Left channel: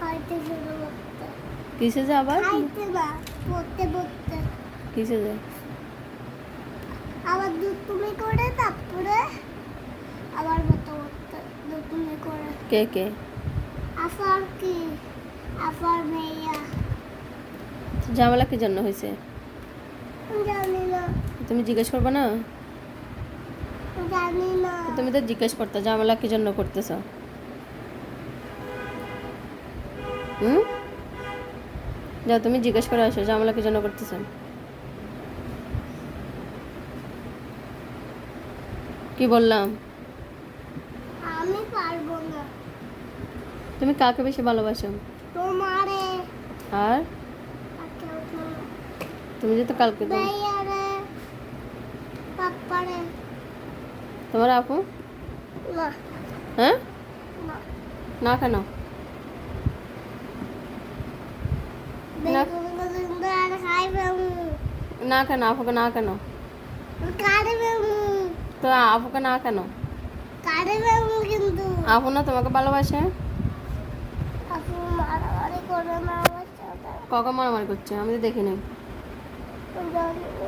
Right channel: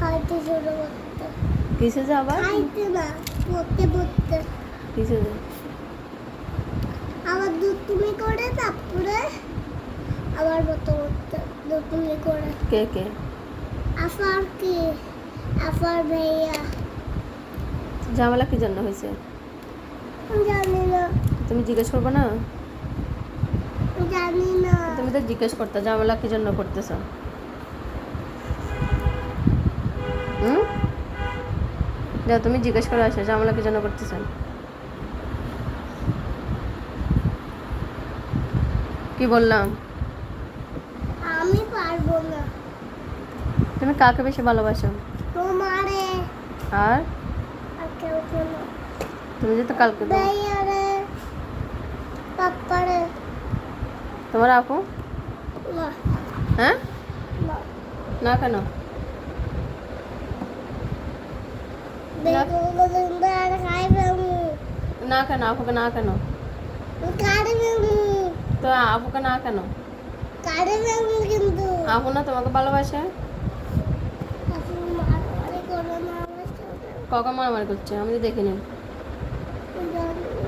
খাইতে শুরু করতে। কিসে যা আবার খাইতে না, পড়তে পড়তে। কিসে যা আবার দুধ তুমি করে তারপরে আবার পড়তে পড়তে দুধ তুমি করে। কে কে আফার কি? আফার ভাইয়া। ঝামেলা কি জন্য হয়েছে জানি না, তুমি জিজ্ঞেস করবে না? জানি না। তুমি তো জিজ্ঞেস করতে ঝামেলা কি জন্য করতেছ। যাও তুমি জিজ্ঞেস করে আসো ঝামেলা কি জন্য করতেছ। কি বললাম? আমি পারবো না। তুমি কাকে বেশি ভালোবাসো? তোমারে আর আর কেউ না। তুমি যে তো কালকে তো ভাইয়ারে, পাপ্পারে। তোমার আপু না, হ্যাঁ না। না কেন? বেগুলো সুন্দর খাইবে মু। না কেন আপুকে না কেন? কাটবে মু। তো আপুকে না কেন? কাটবে মু কিন্তু। আপু না তোমাকে ভালোবাসে? আপু মারামারি করে না আমার সাথে। কখন মারামারি করছে আমি তো দেখিনি। জানি না।